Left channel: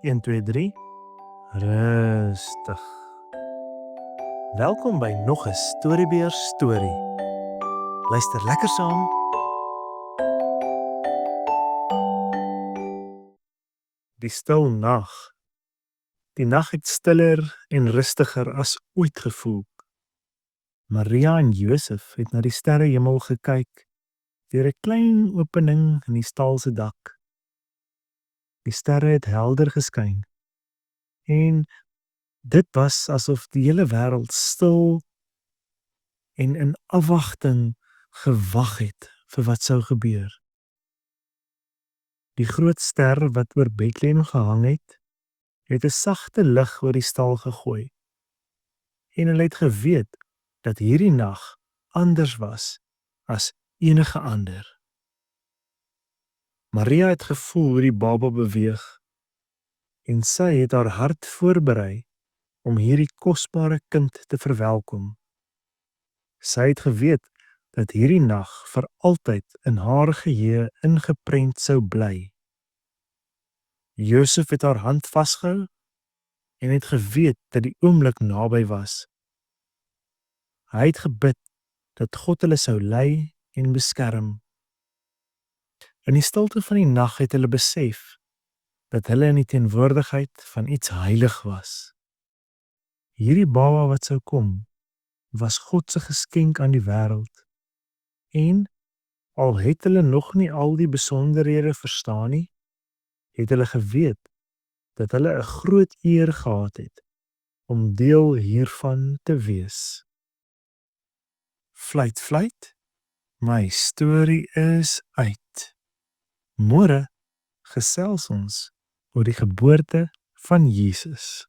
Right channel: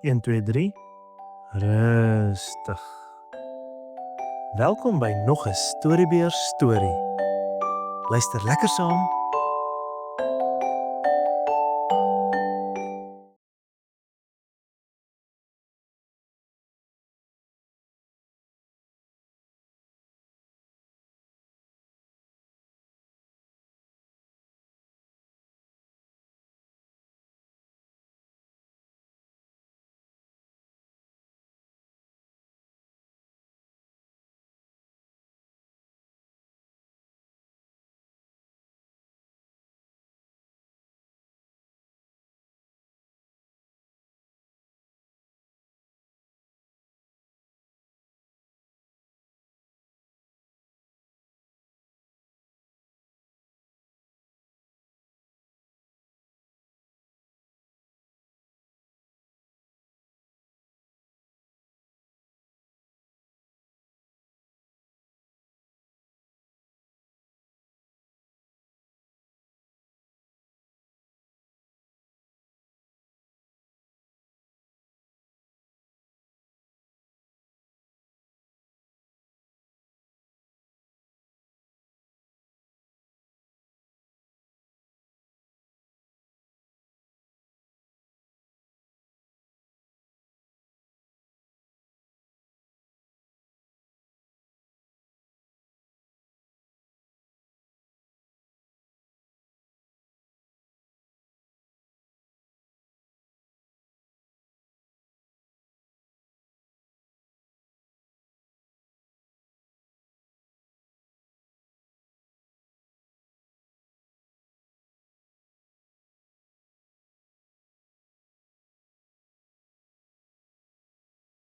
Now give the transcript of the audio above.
1, 2, 3. Rustig. Welkom by nog 'n Storiebeer storie. Luister lekker saam. Die stil nag. Die nag het stiller en rustiger as ooit gevoel. Maria en Josef het na die sterrehemel gekyk deur 'n klein opening in die stal se dak. Die sterre het helder geskyn en dit was asof die hele wêreld stil en in afwagting gewag het vir wat sou gebeur. Die groot ster wat oor Bethlehem gehang het 'n sagte lig oor die stal gegooi. En hulle het geweet dat hierdie nag anders was as enige ander. Maria het gevoel hoe die baba beweeg en sy het haar hart voorberei om hierdie kosbare kind te verwelkom. Sy het geweet dat hierdie nag vir altyd in haar geheue ingeprent sou bly. Josef het haar hand vasgehou en het geweet dat die oomblik naby was. Hy het gebid dat God hulle sou lei en beskerm. In die stilte van die nag het hulle besef dat hulle in die teenwoordigheid van iets heilig was. Hierdie baba wat sou kom, was God se geskenk aan die wêreld. En al het hulle nog nie al die besonderhede verstaan nie, het hulle geweet dat hulle 'n groot eer gehad het om deel hiervan te wees. Fluit, fluit, my storie is uit. Môre gesels ons oor die geboorte van Jesus.